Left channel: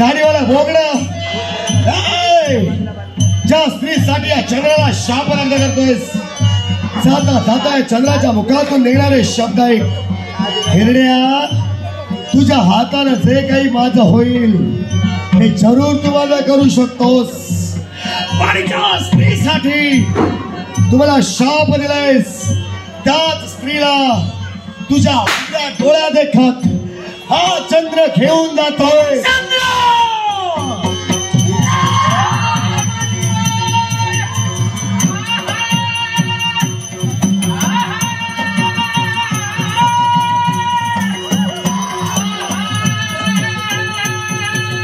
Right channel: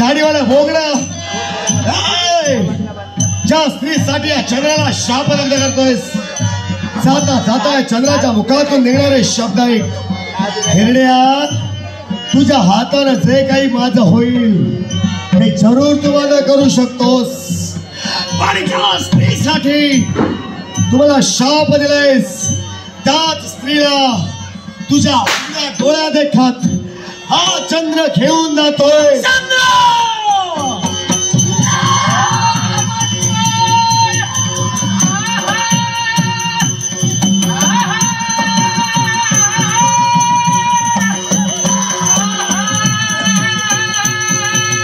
दाढीवाला भोगडा ज्या स्त्रीसाठी या चंद्राला शापनंद करतोयस, जाता जाता या चंद्राच्या मुखातून निघणारे शब्द ऐक. हिरड्या, तुझ्या हाताने जे काही माझं होईल हे जरूर तू माझं करू शकतोस. पण ज्या स्त्रीसाठी तुम्हाला शाप दिलायस त्याच स्त्रीला तुझ्या डोळ्या देखत हा चंद्र घेऊन जातोय.